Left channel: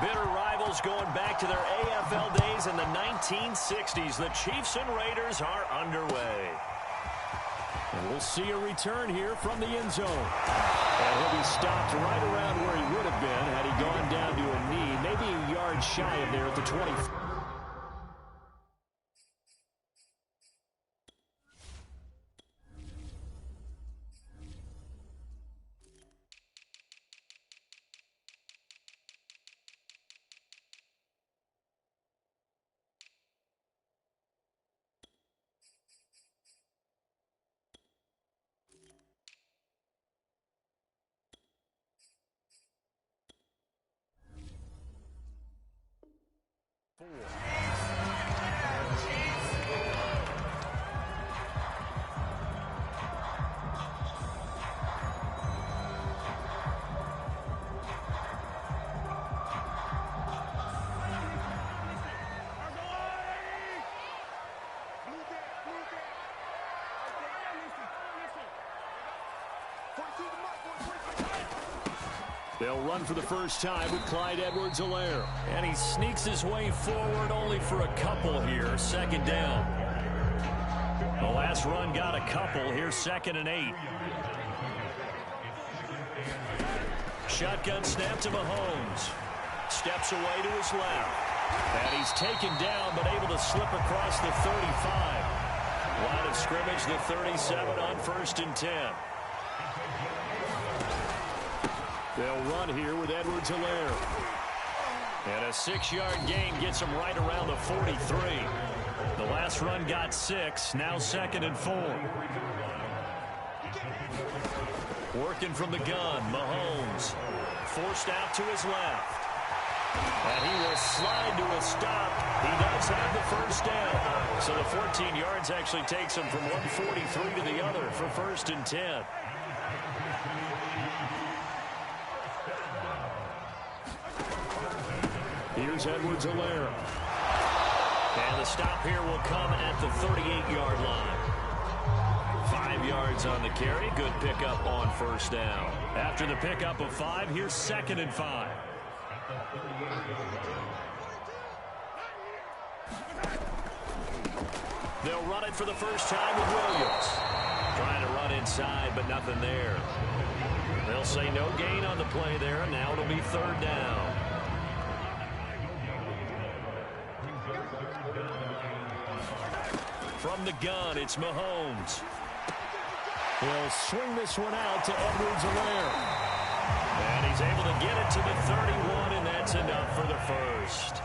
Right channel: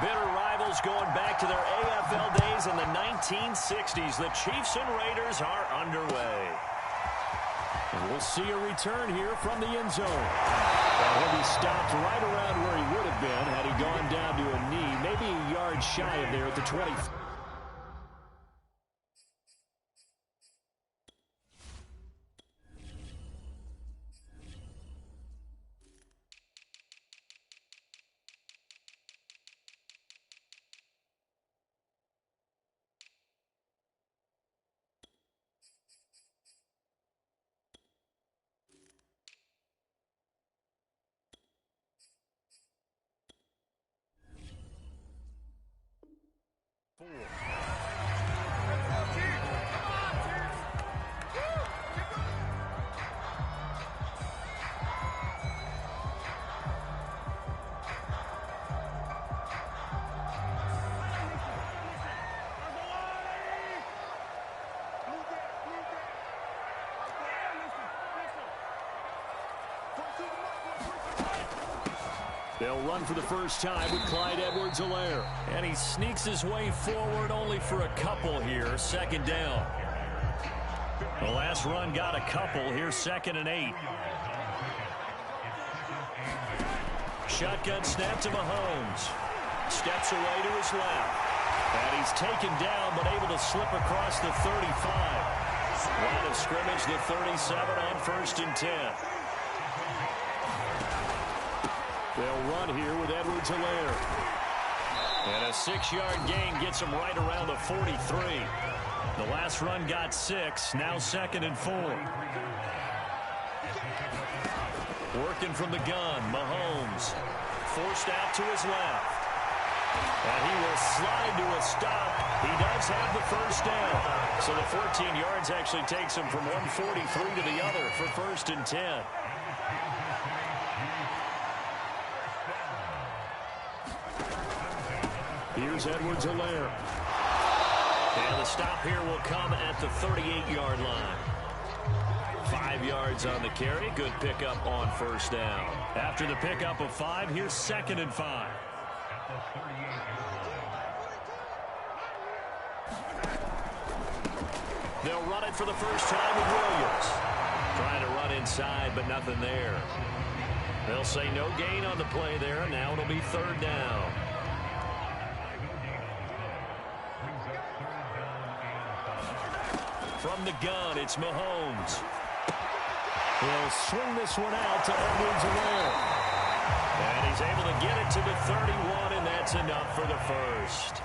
Bitter rivals going back to their AFL days in the 1960s. The Chiefs and Raiders are underway. And we'll see a return here from the end zone. And he'll be stopped right around where he would have been had he gone down to a knee, maybe a yard shy of there at the 20. They'll run for the first time with Clyde Edwards-Helaire. And he sneaks his way forward only for a couple here. Second down. The last run got a couple. Here's 2nd and 8. Shotgun snap to Mahomes. Steps away to his left. And he's taken down but able to slip across the 35. Line of scrimmage, the 37 on 1st and 10. They'll run here with Edwards-Helaire. And a 6-yard gain gets him right around the 43. The last run got 6. Now 2nd and 4. Working from the gun, Mahomes. Forced out to his left. And he will slide to a stop. He does have the first down. So the 14 yards actually takes him from 143 to the other for 1st and 10. Here's Edwards-Helaire. And the stop here will come at the 38-yard line. 5 yards on the carry. Good pickup on 1st down. After the pickup of 5, here's 2nd and 5. They'll run it for the first time with Williams. Trying to run inside, but nothing there. They'll say no gain on the play there. Now it'll be 3rd down. From the gun, it's Mahomes. He'll swing this one out to Edwards-Helaire. And he's able to get it to the 31, and that's enough for the first.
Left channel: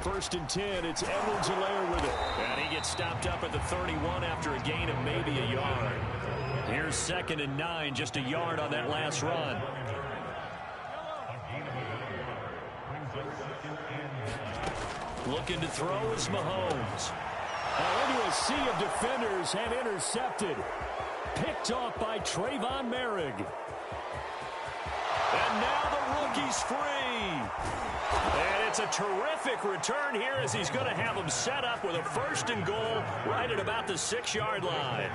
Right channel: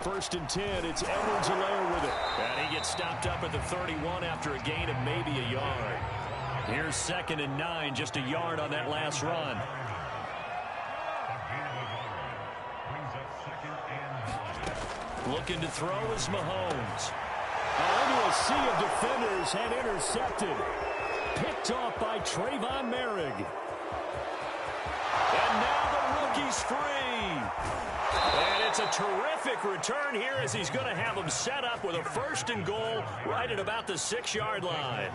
First and 10, it's Edwards-Helaire with it. And he gets stopped up at the 31 after a gain of maybe a yard. Here's 2nd and 9, just a yard on that last run. Looking to throw is Mahomes. Into a sea of defenders and intercepted. Picked off by Trayvon Merrick. And now the rookie's free. And it's a terrific return here as he's going to have him set up with a 1st and goal right at about the 6-yard line.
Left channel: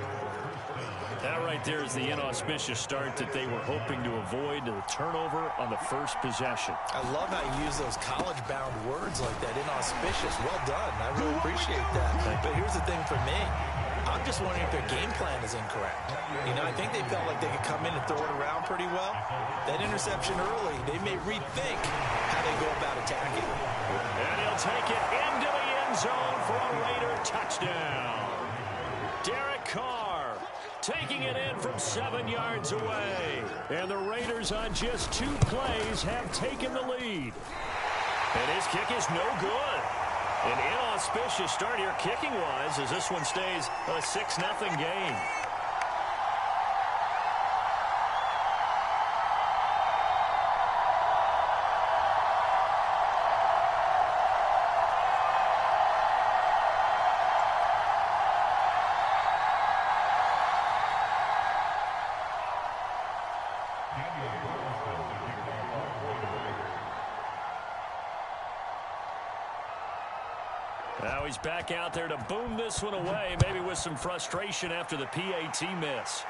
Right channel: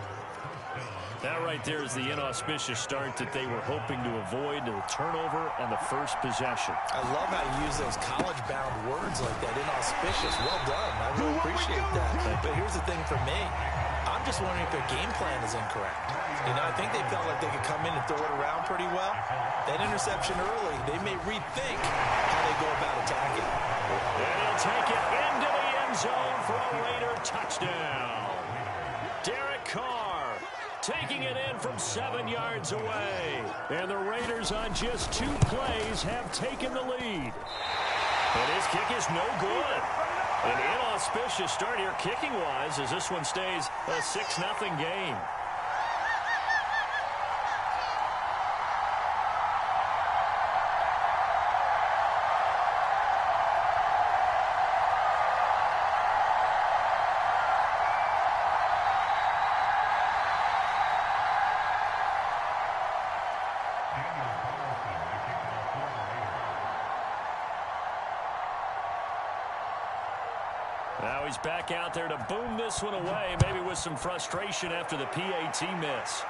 That right there is the inauspicious start that they were hoping to avoid, the turnover on the first possession. I love how you use those college-bound words like that, inauspicious. Well done. I really appreciate that. But here's the thing for me. I'm just wondering if their game plan is incorrect. You know, I think they felt like they could come in and throw it around pretty well. That interception early, they may rethink how they go about attacking. And he'll take it into the end zone for a Raider touchdown. Derek Carr taking it in from 7 yards away. And the Raiders on just 2 plays have taken the lead. And his kick is no good. An inauspicious start here kicking-wise as this one stays a 6-0 game. Now he's back out there to boom this one away, maybe with some frustration after the PAT miss.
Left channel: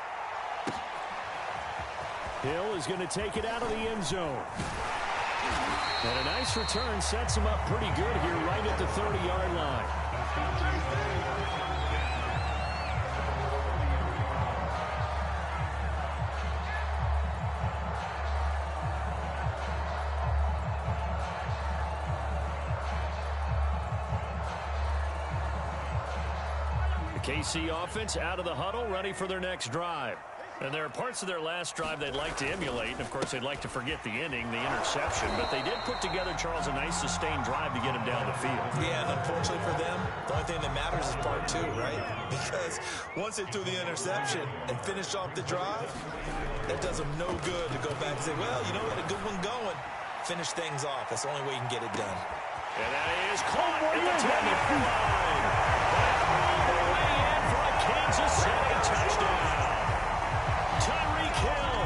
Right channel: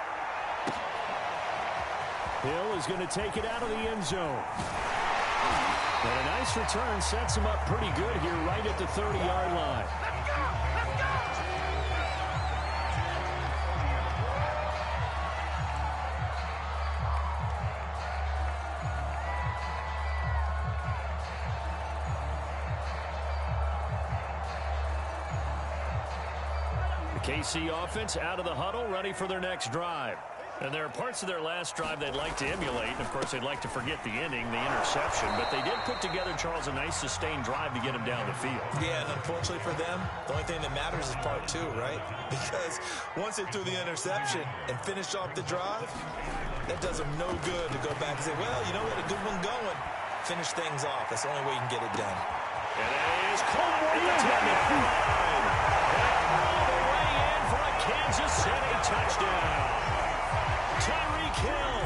Hill is going to take it out of the end zone. And a nice return sets him up pretty good here right at the 30-yard line. The KC offense out of the huddle, ready for their next drive. And there are parts of their last drive they'd like to emulate. And, of course, they'd like to forget the inning, the interception. But they did put together, Charles, a nice sustained drive to get him down the field. Yeah, and unfortunately for them, the only thing that matters is part two, right? Because once they threw the interception and finished off the drive, that does them no good to go back and say, well, you know, we had a good one going. Finish things off. That's the only way you can get it done. And that is caught at the 10-yard line. And all the way in for a Kansas City touchdown. Tyreek Hill,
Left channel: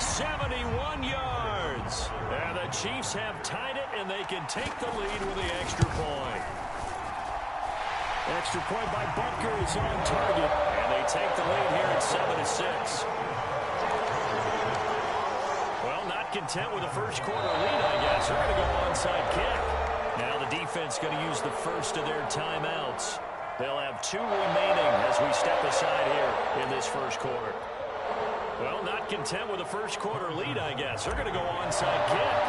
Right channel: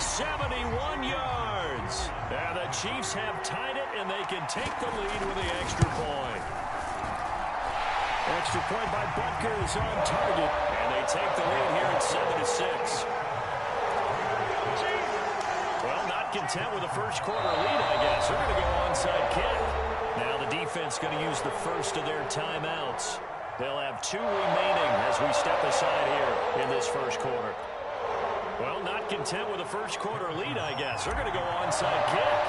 71 yards. And the Chiefs have tied it, and they can take the lead with the extra point. Extra point by Butker is on target. And they take the lead here at 7-6. Well, not content with a first quarter lead, I guess. They're going to go onside kick. Now the defense going to use the first of their timeouts. They'll have 2 remaining as we step aside here in this first quarter. Well, not content with a first quarter lead, I guess. They're going to go onside kick.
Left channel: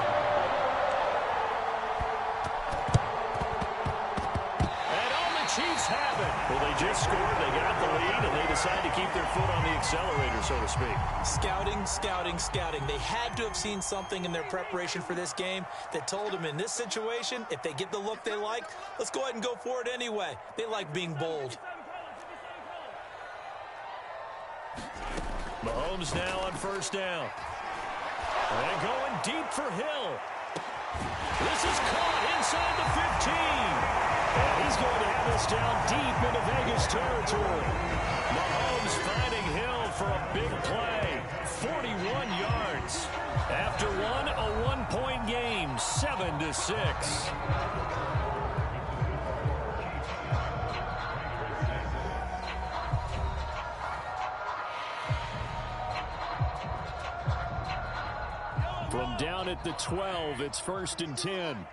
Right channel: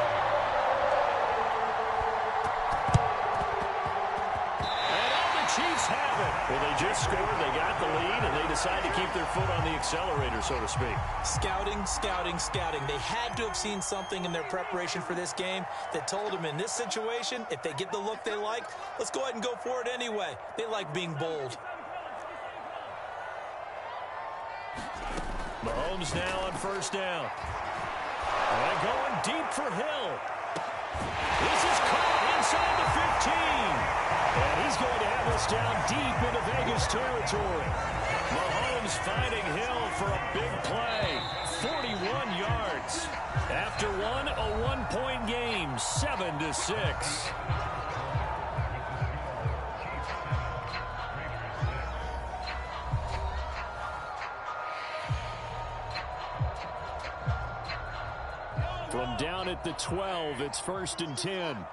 And all the Chiefs have it. Well, they just scored, they got the lead, and they decide to keep their foot on the accelerator, so to speak. Scouting, scouting, scouting. They had to have seen something in their preparation for this game that told them in this situation, if they get the look they like, let's go ahead and go for it anyway. They like being bold. Mahomes now on first down. And going deep for Hill. This is caught inside the 15. And he's going to have this down deep into Vegas territory. Mahomes finding Hill for a big play. 41 yards. After one, a one-point game, 7-6. From down at the 12, it's 1st and 10.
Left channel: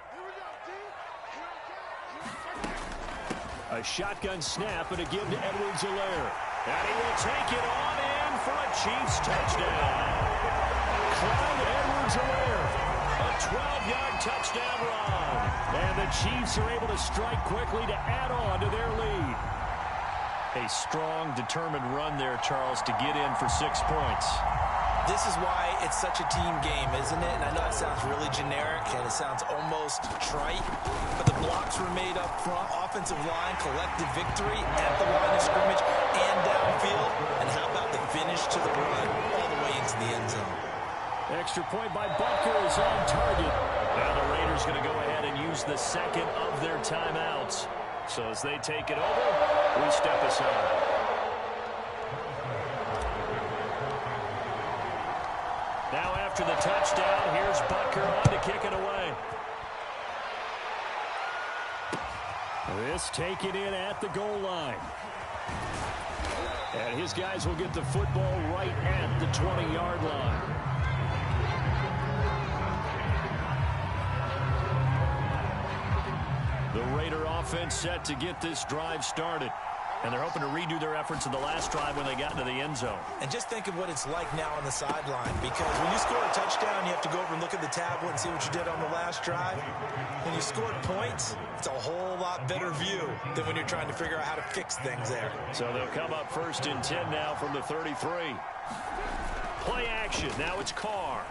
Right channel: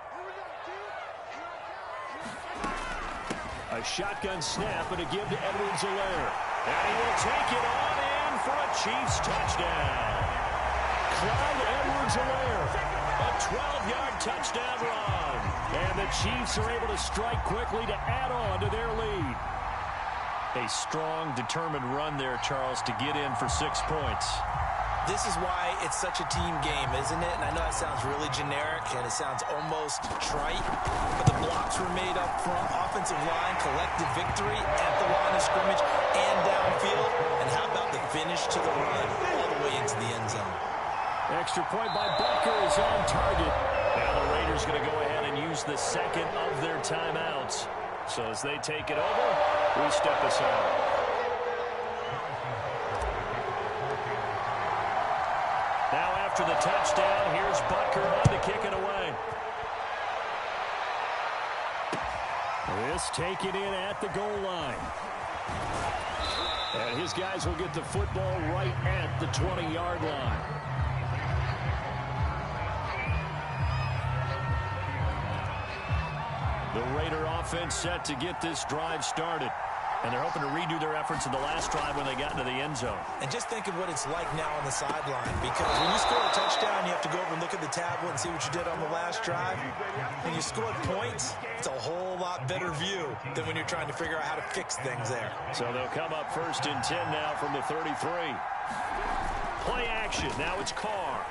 A shotgun snap and a give to Edwards-Helaire. And he will take it on in for a Chiefs touchdown. Clyde Edwards-Helaire. A 12-yard touchdown run. And the Chiefs are able to strike quickly to add on to their lead. A strong, determined run there, Charles, to get in for 6 points. This is why it's such a team game, isn't it? And I know it sounds really generic and it sounds almost trite, but the blocks were made up front, offensive line, collective victory at the line of scrimmage and downfield. And how about the finish to the run all the way into the end zone? Extra point by Butker is on target. Now the Raiders going to go ahead and use the second of their timeouts. So as they take it over, we step aside. Now after the touchdown, here's Butker on to kick it away. This taken in at the goal line. And his guys will get the football right at the 20-yard line. The Raider offense set to get this drive started. And they're hoping to redo their efforts in the last drive when they got into the end zone. And just think of what it's like now on the sideline, because when you score a touchdown, you have to go over and look at the tablet and see what you did on the last drive. When you scored points, it's a whole lot better view than when you're trying to figure out how to fix things there. So they'll come up 1st and 10 now from the 33. Play action. Now it's Carr.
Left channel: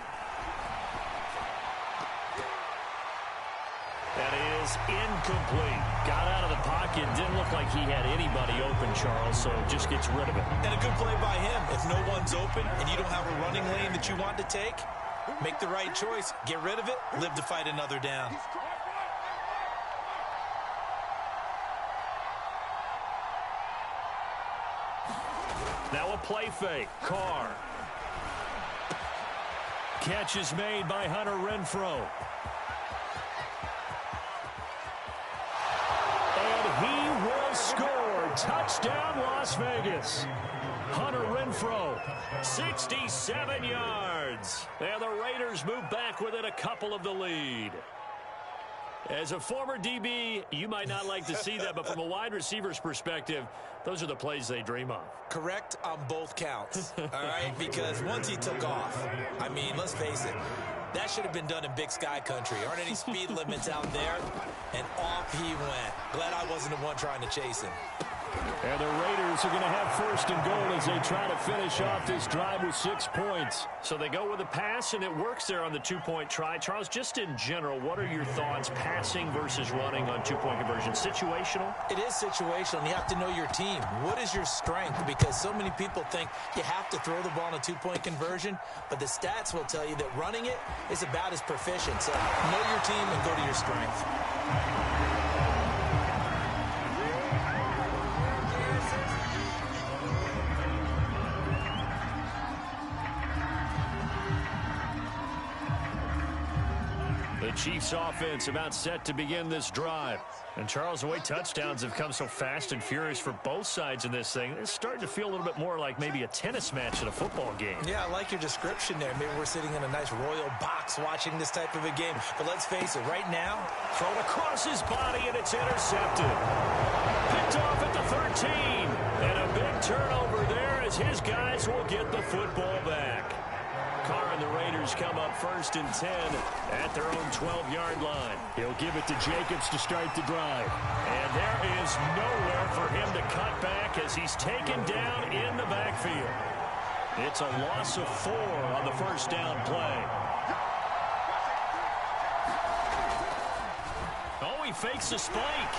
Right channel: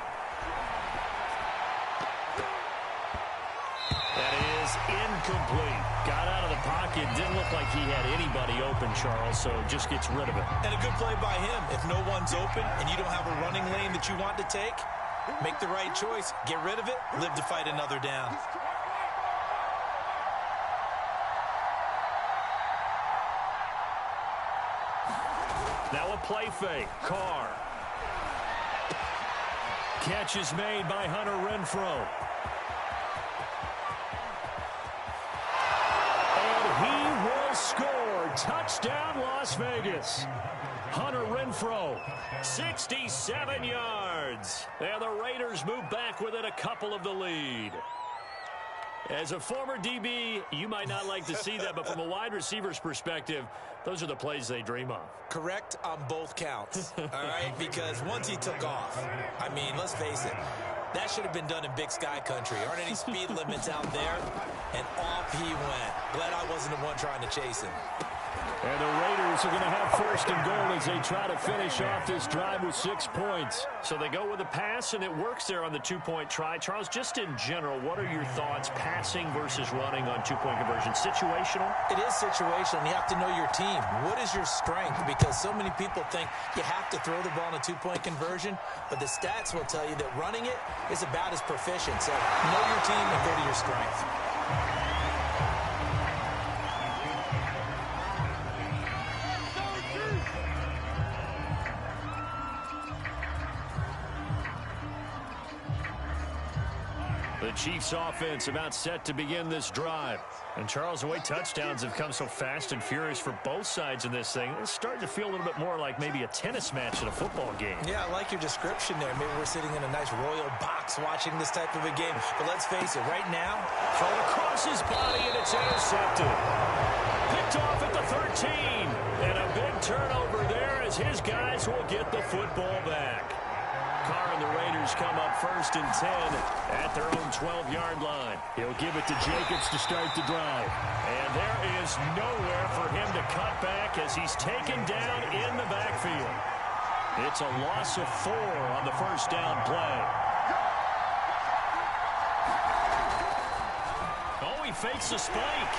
That is incomplete. Got out of the pocket. Didn't look like he had anybody open, Charles, so just gets rid of it. And a good play by him. If no one's open and you don't have a running lane that you want to take, make the right choice. Get rid of it. Live to fight another down. Now a play fake. Carr. Catch is made by Hunter Renfrow. touchdown, Las Vegas. Hunter Renfrow. 67 yards. And the Raiders move back within a couple of the lead. As a former DB, you might not like to see that, but from a wide receiver's perspective, those are the plays they dream of. Correct on both counts, all right? Because once he took off, I mean, let's face it, that should have been done in Big Sky country. Aren't any speed limits out there? And off he went. Glad I wasn't the one trying to chase him. And the Raiders are going to have first and goal as they try to finish off this drive with 6 points. So they go with a pass, and it works there on the two-point try. Charles, just in general, what are your thoughts passing versus running on two-point conversion? Situational? It is situational, and you have to know your team. What is your strength? Because so many people think you have to throw the ball in a two-point conversion, but the stats will tell you that running it is about as proficient. So know your team and go to your strength. The Chiefs offense about set to begin this drive. And Charles, the way touchdowns have come so fast and furious for both sides in this thing, it's starting to feel a little bit more like maybe a tennis match in a football game. Yeah, I like your description there. Maybe we're sitting in a nice royal box watching this type of a game. But let's face it, right now, thrown across his body, and it's intercepted. Picked off at the 13. And a big turnover there as his guys will get the football back. Carr and the Raiders come up first and 10 at their own 12-yard line. He'll give it to Jacobs to start the drive. And there is nowhere for him to cut back as he's taken down in the backfield. It's a loss of 4 on the first down play. Oh, he fakes a spike.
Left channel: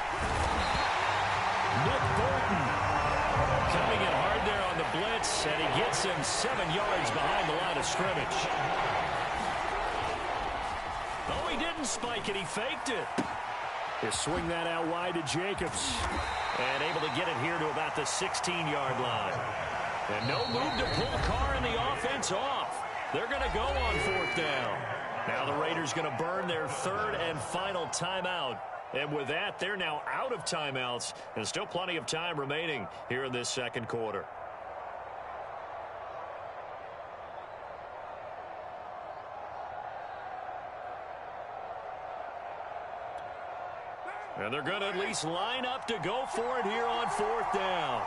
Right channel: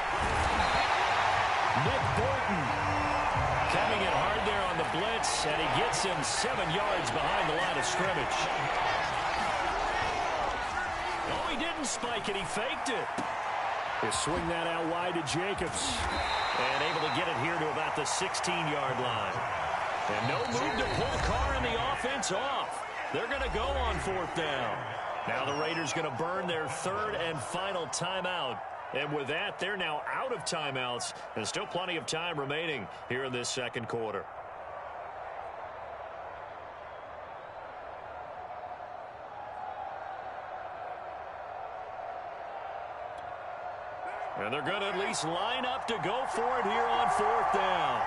Nick Bolton coming in hard there on the blitz, and he gets him 7 yards behind the line of scrimmage. Oh, he didn't spike it. He faked it. He'll swing that out wide to Jacobs. And able to get it here to about the 16-yard line. And no move to pull Carr and the offense off. They're going to go on 4th down. Now the Raiders going to burn their 3rd and final timeout. And with that, they're now out of timeouts, and still plenty of time remaining here in this second quarter. And they're going to at least line up to go for it here on 4th down.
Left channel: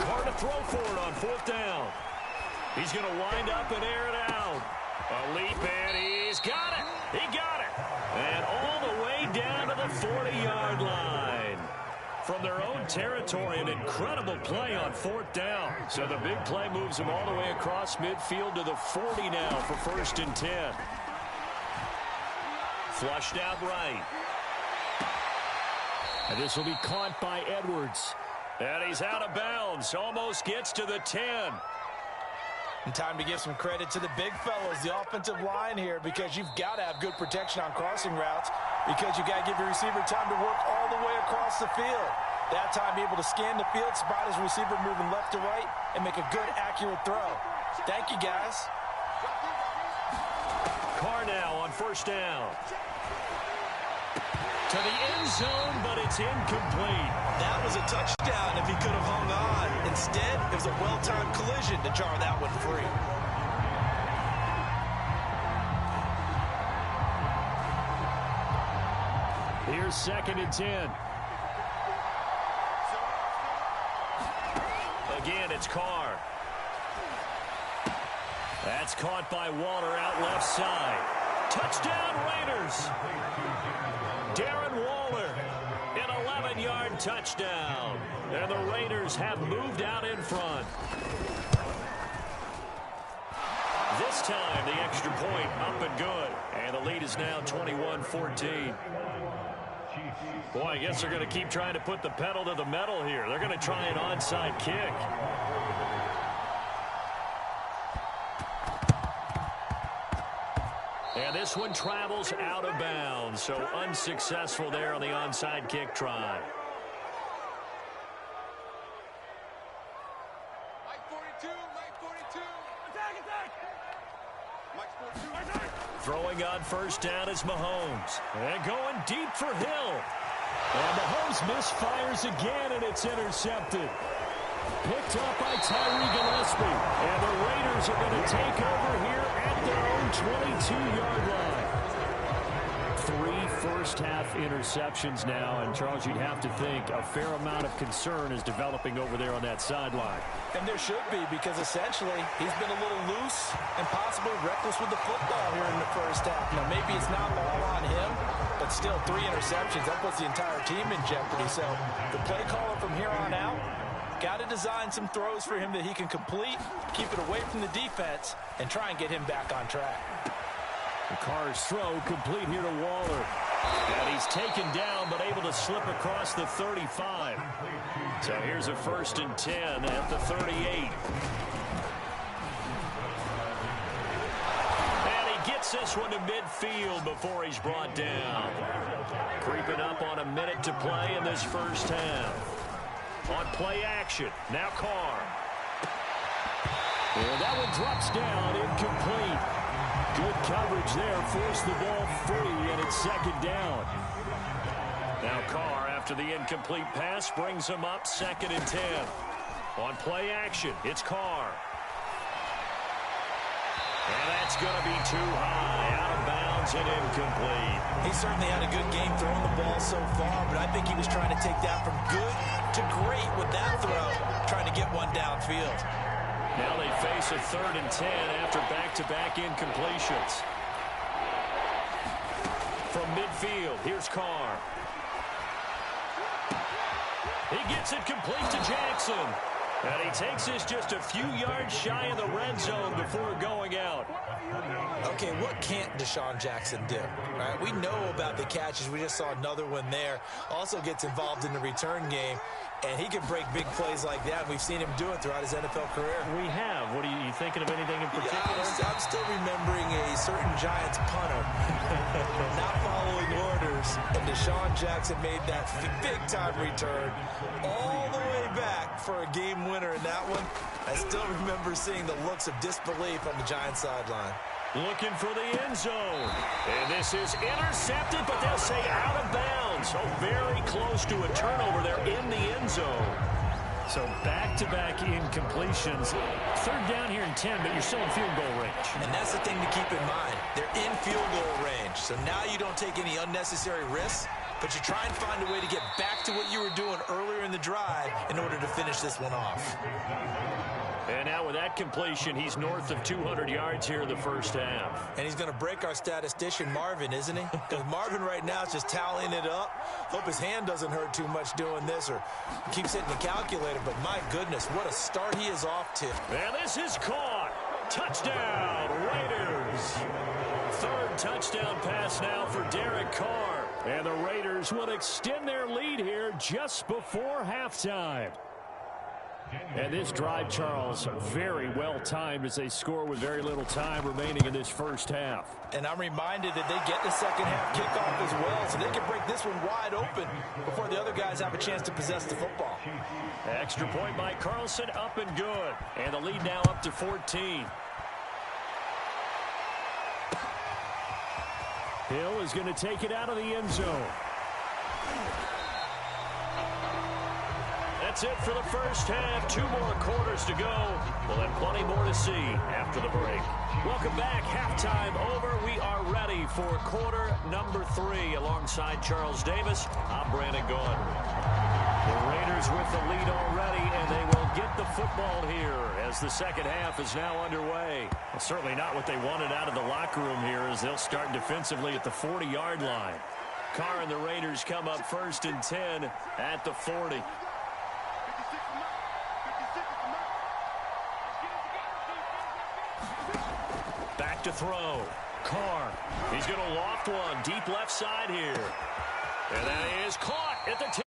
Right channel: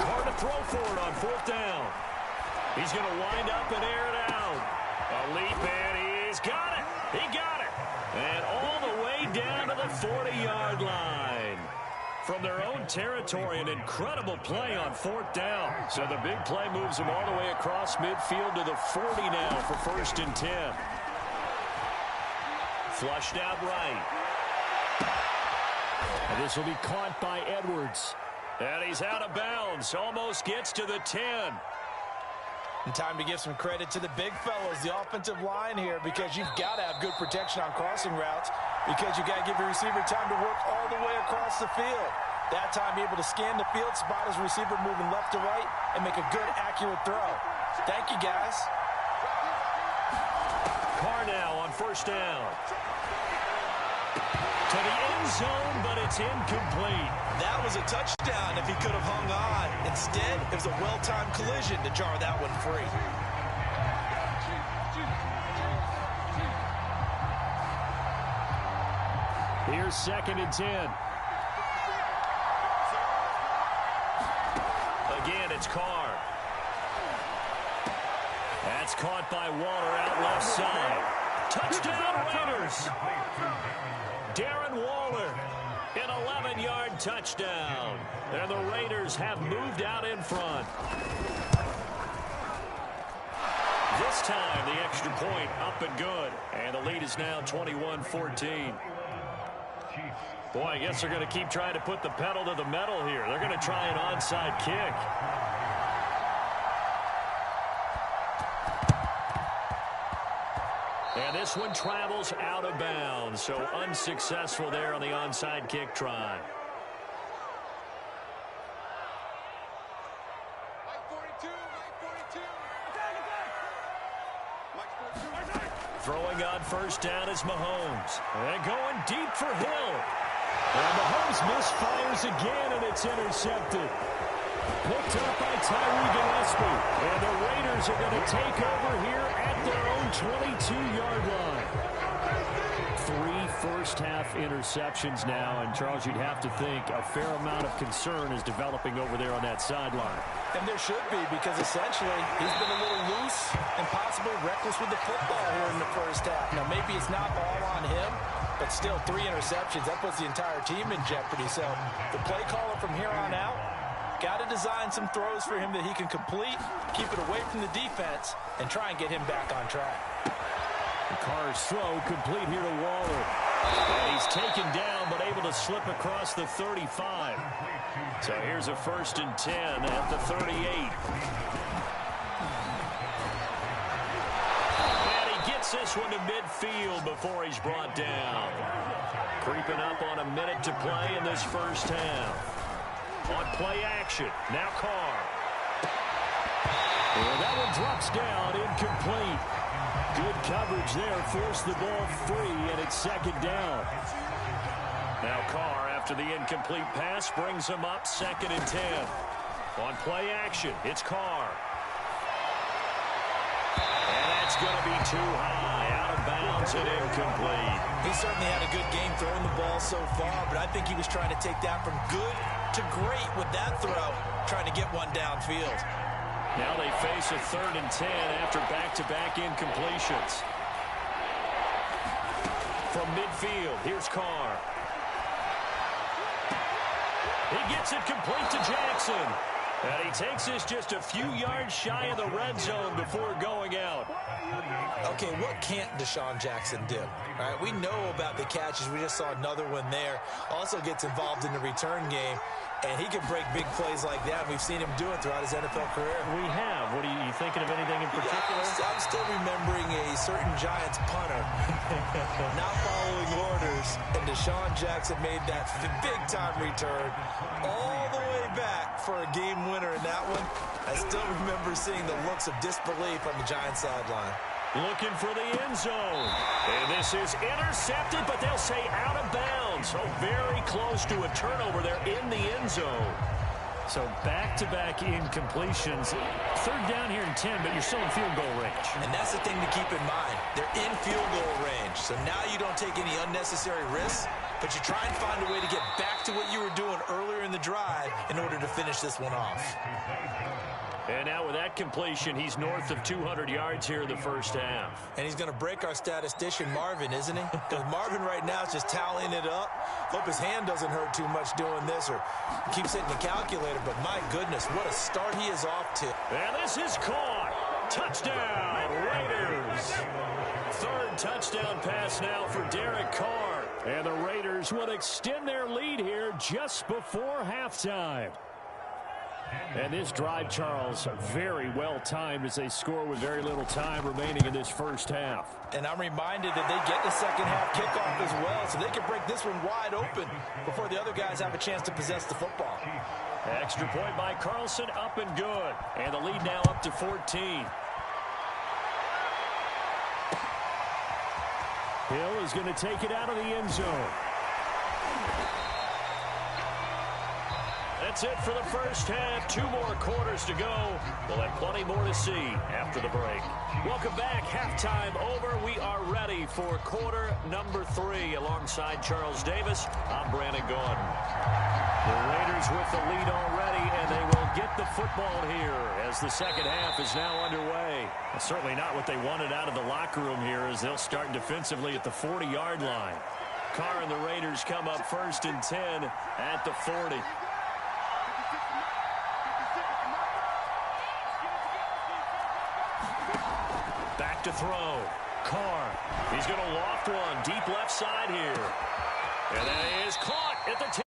Carr to throw for it on 4th down. He's going to wind up and air it out. A leap, and he's got it. He got it. And all the way down to the 40-yard line. From their own territory, an incredible play on 4th down. So the big play moves them all the way across midfield to the 40 now for 1st and 10. Flushed out right. And this will be caught by Edwards. And he's out of bounds. Almost gets to the 10. And time to give some credit to the big fellas, the offensive line here, because you've got to have good protection on crossing routes, because you've got to give your receiver time to work all the way across the field. That time, be able to scan the field, spot his receiver moving left to right, and make a good, accurate throw. Thank you, guys. Carr now on 1st down. To the end zone, but it's incomplete. That was a touchdown if he could have hung on. Instead, it was a well-timed collision to jar that one free. Here's 2nd and 10. Again, it's Carr. That's caught by Waller out left side. Touchdown, Raiders. Darren Waller, an 11-yard touchdown. And the Raiders have moved out in front. This time, the extra point up and good. And the lead is now 21-14. Boy, I guess they're going to keep trying to put the pedal to the metal here. They're going to try an onside kick. And this one travels out of bounds, so unsuccessful there on the onside kick try. Throwing on first down is Mahomes. And going deep for Hill. And Mahomes misfires again, and it's intercepted. Picked up by Tyree Gillespie. And the Raiders are going to take over here at their own 22-yard line. 3 first-half interceptions now, and Charles, you'd have to think a fair amount of concern is developing over there on that sideline. And there should be, because essentially he's been a little loose and possibly reckless with the football here in the first half. Now, maybe it's not all on him, but still 3 interceptions. That puts the entire team in jeopardy. So the play caller from here on out got to design some throws for him that he can complete, keep it away from the defense, and try and get him back on track. The Carr's throw complete here to Waller. And he's taken down, but able to slip across the 35. So here's a 1st and 10 at the 38. And he gets this one to midfield before he's brought down. Creeping up on a minute to play in this first half. On play action, now Carr. And that one drops down, incomplete. Good coverage there, forced the ball free, and it's 2nd down. Now Carr, after the incomplete pass, brings him up 2nd and 10. On play action, it's Carr. And that's going to be too high, out of bounds and incomplete. He certainly had a good game throwing the ball so far, but I think he was trying to take that from good to great with that throw, trying to get one downfield. Now they face a 3rd and 10 after back-to-back incompletions. From midfield, here's Carr. He gets it complete to Jackson. And he takes this just a few yards shy of the red zone before going out. Okay, what can't Deshaun Jackson do? All right, we know about the catches. We just saw another one there. Also gets involved in the return game, and he can break big plays like that. We've seen him do it throughout his NFL career. We have. What are you thinking of anything in particular? Yeah, I'm still remembering a certain Giants punter not following orders, and Deshaun Jackson made that big-time return all the way back for a game winner in that one. I still remember seeing the looks of disbelief on the Giants sideline. Looking for the end zone. And this is intercepted, but they'll say out of bounds. So very close to a turnover there in the end zone. So back-to-back incompletions. 3rd down here and 10, but you're still in field goal range. And that's the thing to keep in mind. They're in field goal range. So now you don't take any unnecessary risks, but you try and find a way to get back to what you were doing earlier in the drive in order to finish this one off. And now with that completion, he's north of 200 yards here in the first half. And he's going to break our statistician, Marvin, isn't he? Because Marvin right now is just tallying it up. Hope his hand doesn't hurt too much doing this or keeps hitting the calculator. But my goodness, what a start he is off to. And this is caught. Touchdown, Raiders. 3rd touchdown pass now for Derek Carr. And the Raiders will extend their lead here just before halftime. And this drive, Charles, very well timed as they score with very little time remaining in this first half. And I'm reminded that they get the second half kickoff as well, so they can break this one wide open before the other guys have a chance to possess the football. Extra point by Carlson, up and good. And the lead now up to 14. Hill is going to take it out of the end zone. That's it for the first half. 2 more quarters to go. We'll have plenty more to see after the break. Welcome back. Halftime over. We are ready for quarter number 3. Alongside Charles Davis, I'm Brandon Gordon. The Raiders with the lead already, and they will get the football here as the second half is now underway. Well, certainly not what they wanted out of the locker room here as they'll start defensively at the 40-yard line. Carr and the Raiders come up 1st and 10 at the 40. Back to throw. Carr. He's going to loft one deep left side here. And that is caught at the 10.